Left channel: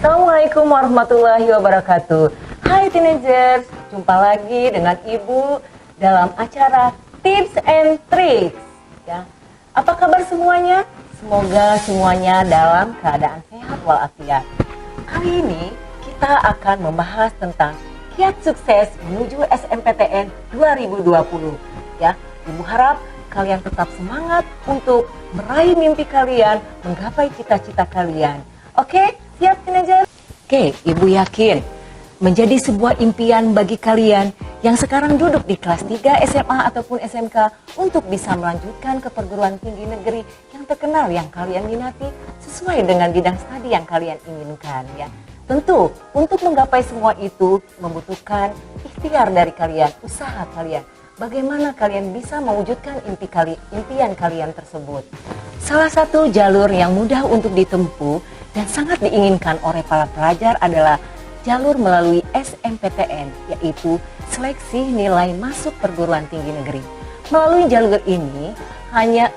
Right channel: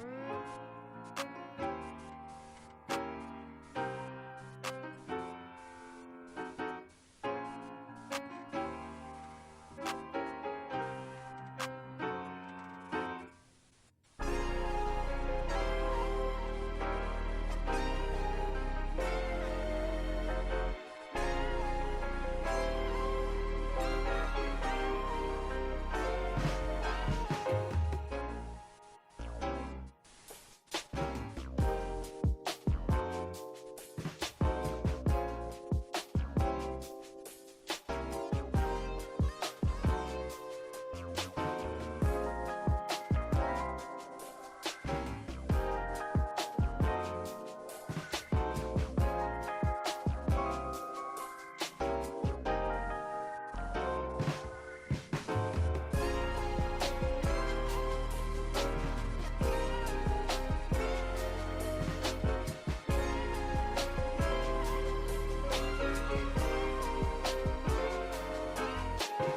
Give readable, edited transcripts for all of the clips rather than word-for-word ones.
Assalamualaikum warahmatullahi wabarakatuh. Hai teenagers, jumpa lagi dengan Ibu dalam acara Tips and Tricks. Ya. Apa kabar semuanya? Semoga semuanya dalam keadaan sehat walafiat. Kali ini kita akan membahas tentang kiat sukses menuju SNMPTN 2020. Ya, Ibu harap kalian tetap semangat untuk meraih mimpi kalian, menggapai cita-cita kalian. Oke, siap teenager? Oke, Ibu yakin menjadi sebuah impian bagi kalian yang sekarang duduk di kelas 3 SMA ataupun SMK untuk bisa melanjutkan ke perguruan tinggi negeri yang terkenal yang kalian minati sesuai dengan bidang studi yang kalian inginkan ya. Tentu untuk menggapai semua itu membutuhkan ikhtiar dari kalian, usaha kalian. Bagaimana kalian bisa mewujudkan impian kalian tersebut. Salah satu jalur yang mudah untuk ditempuh dan sangat diinginkan oleh para pelajar adalah jalur melalui SNMPTN, yaitu seleksi nilai masuk perguruan tinggi negeri. Melalui jalur ini,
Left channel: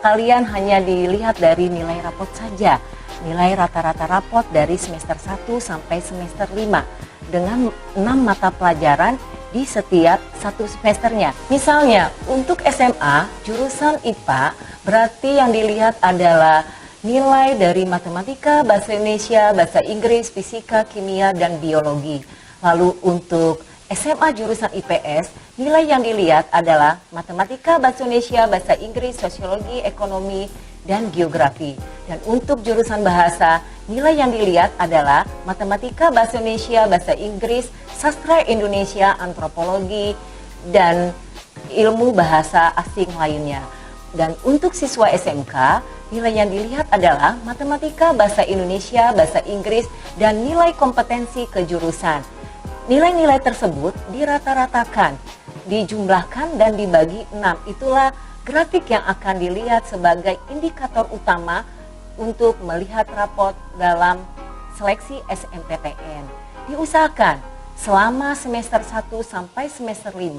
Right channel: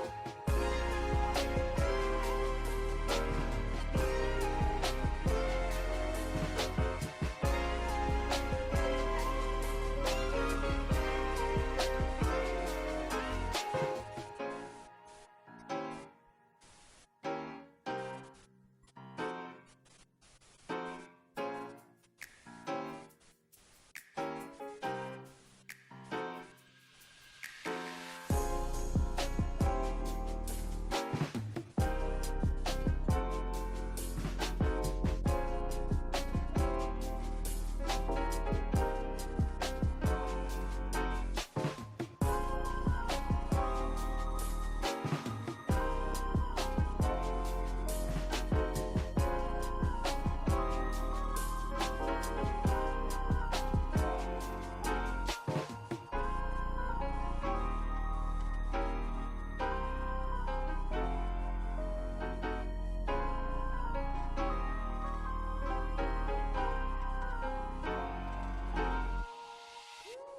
kalian hanya dilihat dari nilai rapot saja, nilai rata-rata rapot dari semester 1 sampai semester 5, dengan 6 mata pelajaran di setiap satu semesternya. Misalnya, untuk SMA, jurusan IPA, berarti yang dilihat adalah nilai dari matematika, bahasa Indonesia, bahasa Inggris, fisika, kimia, dan biologi. Lalu untuk SMA jurusan IPS, nilai yang dilihat adalah matematika, bahasa Indonesia, bahasa Inggris, sosiologi, ekonomi, dan geografi. Dan untuk jurusan bahasa, nilai yang dilihat adalah matematika, bahasa Indonesia, bahasa Inggris, sastra Indonesia, antropologi, dan ilmu bahasa asing lainnya. Dan untuk siswa SMK, nilai yang dilihat adalah matematika, bahasa Indonesia, bahasa Inggris, dan nilai kompetensi kejurusan. Nilai-nilai tersebut dirata-ratakan, dijumlahkan, dan dibagi 6. Itulah grafik yang akan dilihat sebagai indikator utama untuk melihat rapot dalam seleksi SNMPTN. Diusahakan selama semester 1 sampai semester 5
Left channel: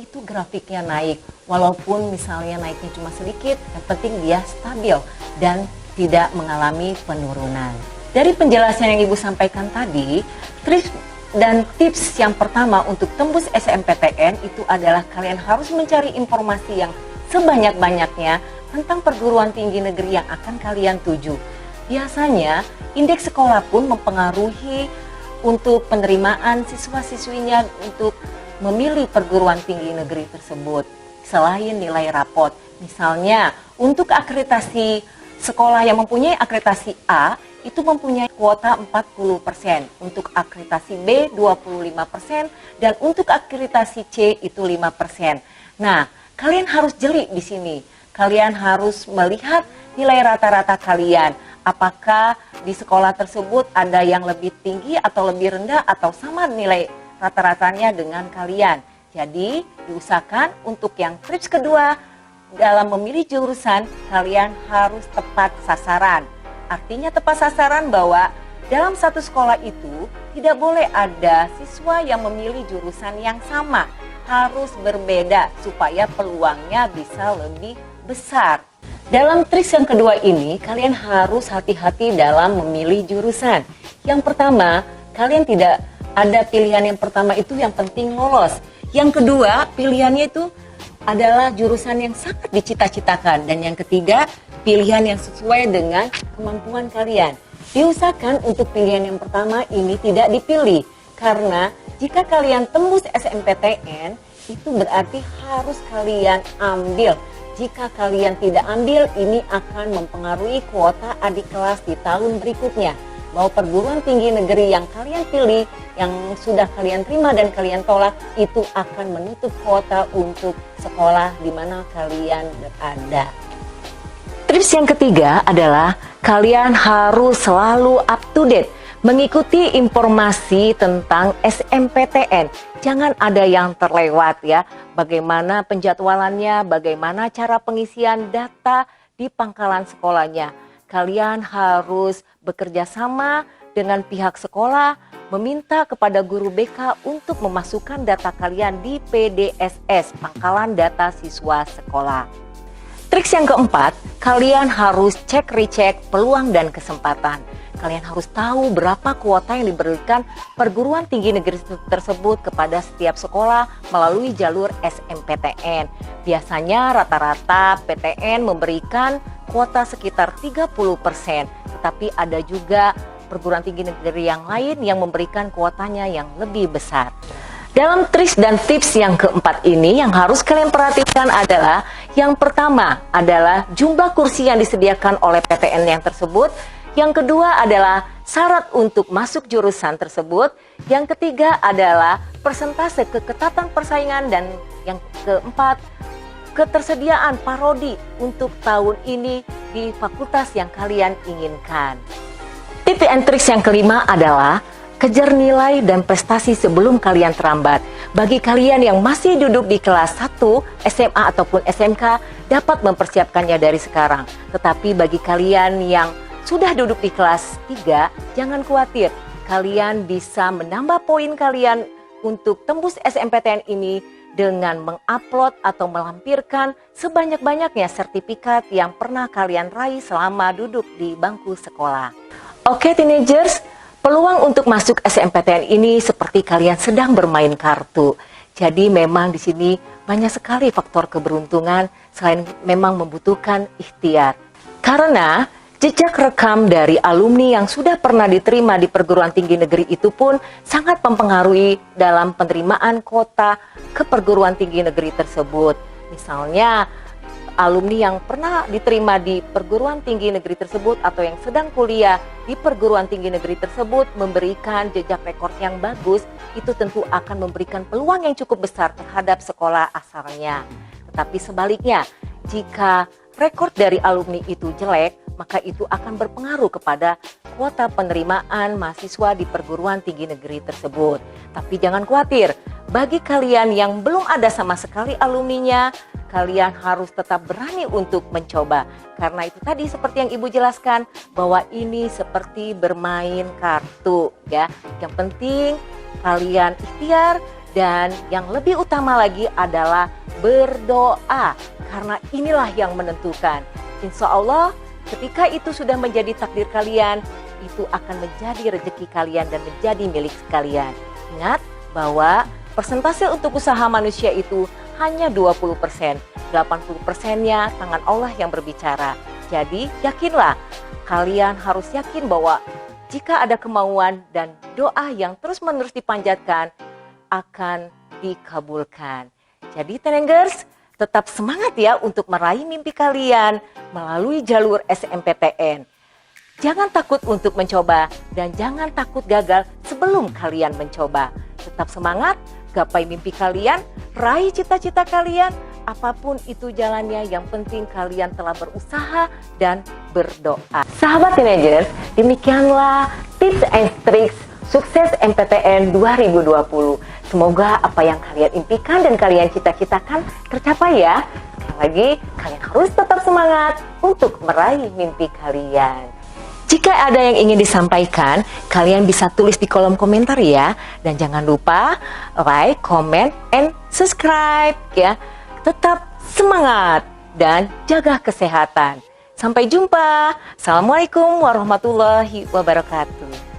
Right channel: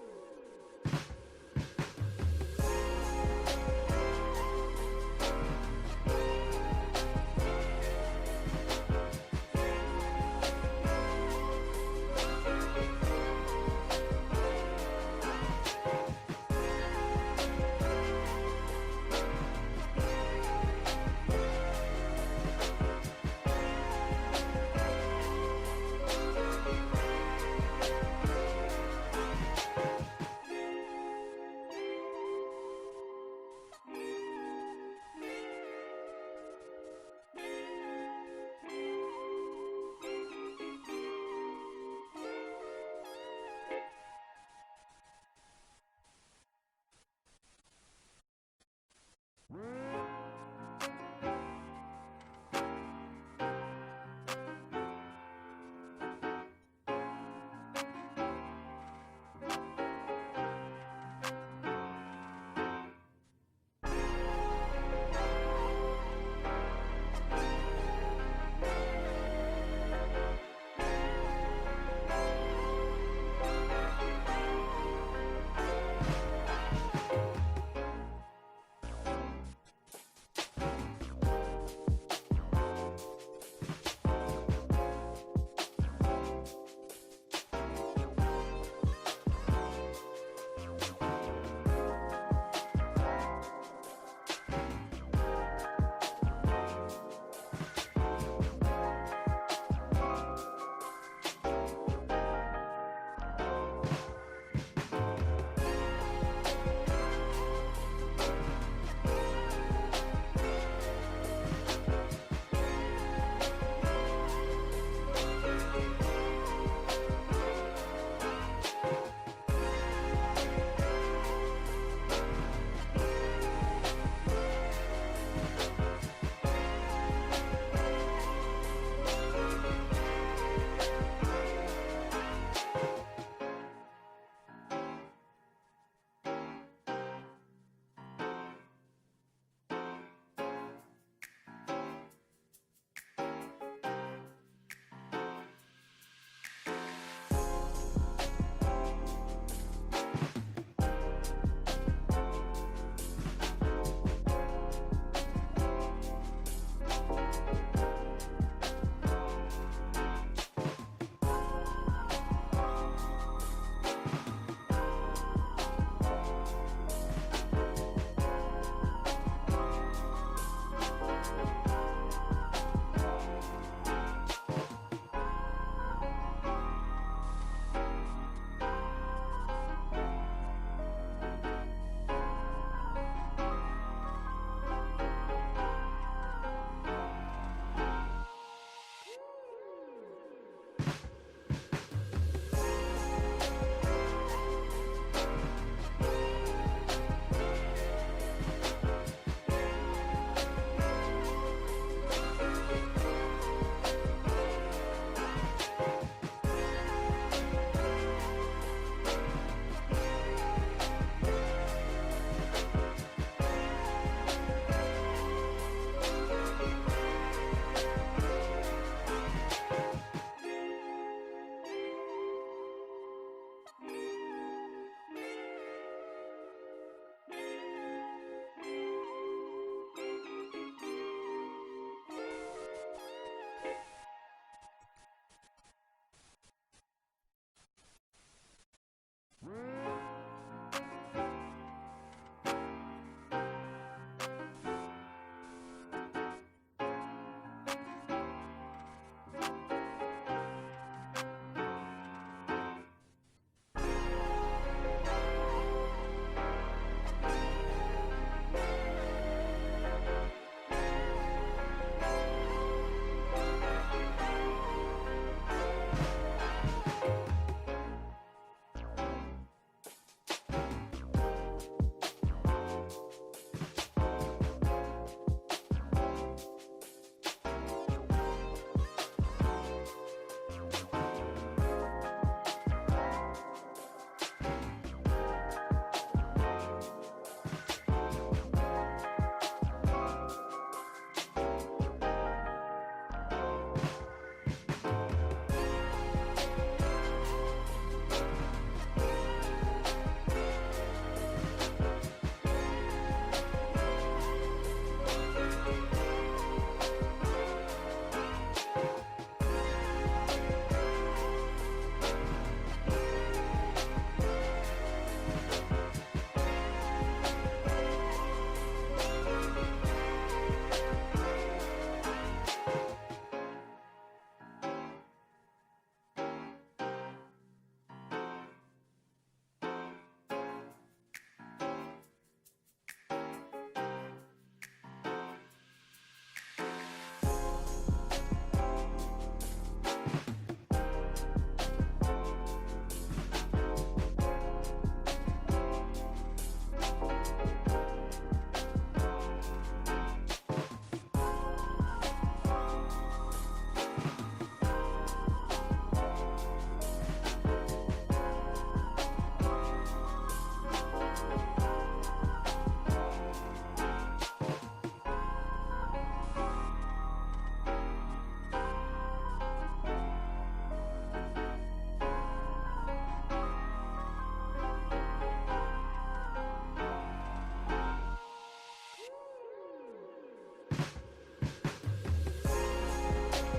itu grafiknya naik, walaupun misalnya naiknya cuma sedikit, yang penting dia stabil dan tidak mengalami penurunan. Dari penjelasan yang Ibu sampaikan tadi, trik dan tips yang pertama untuk tembus SNMPTN itu adalah kalian harus mencari informasi yang sebanyak-banyaknya tentang perguruan tinggi negeri yang akan kalian tuju. Biasanya, indeks sekolah pun mempengaruhi untuk penerimaan siswa-siswinya untuk memilih perguruan tinggi negeri tersebut. Selain nilai rapot, misalnya untuk akreditasi sekolah yang mempunyai akreditasi A, itu mempunyai kuota 40%, untuk akreditasi B 25%, dan untuk akreditasi C itu 5%. Nah, kalian harus jeli di sini. Kalian harus melihat nilai rata-rata kalian. Apakah di sekolah tersebut ada yang lebih tinggi atau lebih rendah atau sama nilai rata-ratanya dengan kalian. Jadi, diusahakan untuk yang tips kedua, dalam memilih jurusan, kalian harus tepat sasaran. Artinya tepat sasaran bahwa dalam satu sekolah itu tidak boleh ada siswa yang memilih jurusan yang sama. Harus berbeda supaya peluangnya bisa lebih besar. Dalam trik yang kedua ini, kalian harus hati-hati dalam memilih jurusan. Yang pertama, kalian tidak ada pilihan yang pertama itu yang penting lolos. Yang kedua, pilihannya itu adalah jurusan yang sangat dicita-citakan. Dan yang ketiga, pilihan yang sesuai dengan kemampuan kalian. Diusahakan untuk pilihan yang pertama ini tidak dipilih. Karena jika kalian tembus SNMPTN, itu berarti harus kalian ambil. Jika kalian tidak ambil, ini akan mempengaruhi kuota adik kelas di tahun berikutnya. Bahwa perguruan tinggi negeri yang kalian pilih, yang sudah kalian terima dan kalian tolak, itu akan menutup kuota untuk sekolah di mana kalian berada. Tips yang ketiga adalah kalian harus selalu up to date, mengikuti informasi tentang SNMPTN. Jangan ada yang terlewat ya, bagaimana penjadwalannya, bagaimana cara pengisian data di pangkalan sekolahnya. Kalian harus bekerja sama dengan pihak sekolah, meminta kepada guru BK untuk memasukkan data kalian di PDSS, pangkalan data siswa sekolah. Trik yang keempat, kalian harus cek-recek peluang dan kesempatan. kalian harus tahu berapa kuota yang diberikan perguruan tinggi negeri tersebut kepada setiap sekolah melalui jalur SMPTN. Biasanya rata-rata PTN memberikan kuota sekitar 30%, tapi ada juga perguruan tinggi negeri yang lain yang memberikan kuotanya yang lebih besar. Dalam trik dan tips yang keempat ini yang harus kalian perhatikan adalah yang pertama adalah jumlah kursi yang disediakan oleh PTN yang tersebut. Yang kedua adalah syarat untuk masuk jurusan tersebut. Yang ketiga adalah persentase keketatan persaingan. Dan yang keempat, ketersediaan parodi untuk tahun ini di fakultas yang kalian inginkan. Tips and tricks yang kelima adalah kejar nilai dan prestasi sebelum kalian terlambat. Bagi kalian yang masih duduk di kelas 1 SMA ataupun SMK dapat mempersiapkannya dari sekarang. Tetapi bagi kalian yang sudah duduk di kelas 3, jangan khawatir. Kalian bisa menambah poin kalian untuk tembus SMPTN ini dengan mengupload atau melampirkan sebanyak-banyaknya sertifikat yang pernah kalian raih selama duduk di bangku sekolah. Oke teenagers, peluang untuk masuk SMPTN ini seperti kalian sedang bermain kartu. Jadi memang di sini banyak sekali faktor keberuntungan selain memang membutuhkan ikhtiar. Karena jejak rekam dari alumni yang sudah pernah diterima di perguruan tinggi negeri itu pun sangat mempengaruhi dalam penerimaan kuota ke perguruan tinggi negeri tersebut. Misalnya alumni yang pernah diterima di perguruan tinggi negeri tersebut atau yang sedang kuliah di perguruan tinggi negeri tersebut memberikan jejak rekor yang bagus, itu tentu akan memberikan peluang yang cukup besar terhadap sekolah asalnya. Tetapi sebaliknya, jika rekor dari alumni itu jelek, maka itu akan berpengaruh kepada kuota penerimaan mahasiswa di perguruan tinggi negeri tersebut. Tapi jangan khawatir, bagi kalian yang belum ada sama sekali alumninya, kalian harus tetap berani untuk mencoba. Karena itu tadi seperti yang Ibu jelaskan, bahwa ini seperti bermain kartu ya. Yang penting kalian ikhtiar dan yang lebih utama lagi adalah berdoa. Karena inilah yang menentukan. Insya Allah ketika itu sudah menjadi takdir kalian, itu akan menjadi rezeki kalian dan menjadi milik kalian. Ingat bahwa persentase untuk usaha manusia itu hanya 20%, 80%-nya tangan Allah yang berbicara. Jadi yakinlah, kalian harus yakin bahwa jika ada kemauan dan doa yang terus-menerus dipanjatkan akan dikabulkan. Jadi Tenengers, tetap semangat ya untuk meraih mimpi kalian melalui jalur SMPTN. Jangan takut untuk mencoba dan jangan takut gagal sebelum kalian mencoba. Tetap semangat, gapai mimpi kalian, raih cita-cita kalian, apapun itu jalannya, yang penting kalian telah berusaha dan berdoa. Sahabat teenagers, demikianlah tips and tricks sukses MPTN 2020. Semoga apa yang kalian impikan dan kalian cita-citakan tercapai ya. Sekali lagi, kalian harus tetap semangat untuk meraih mimpi kalian. Jika ada yang ingin disampaikan, kalian bisa tulis di kolom komentar ya. Dan jangan lupa like, comment, and subscribe ya. Tetap semangat dan jaga kesehatan. Sampai jumpa. Assalamualaikum warahmatullahi wabarakatuh.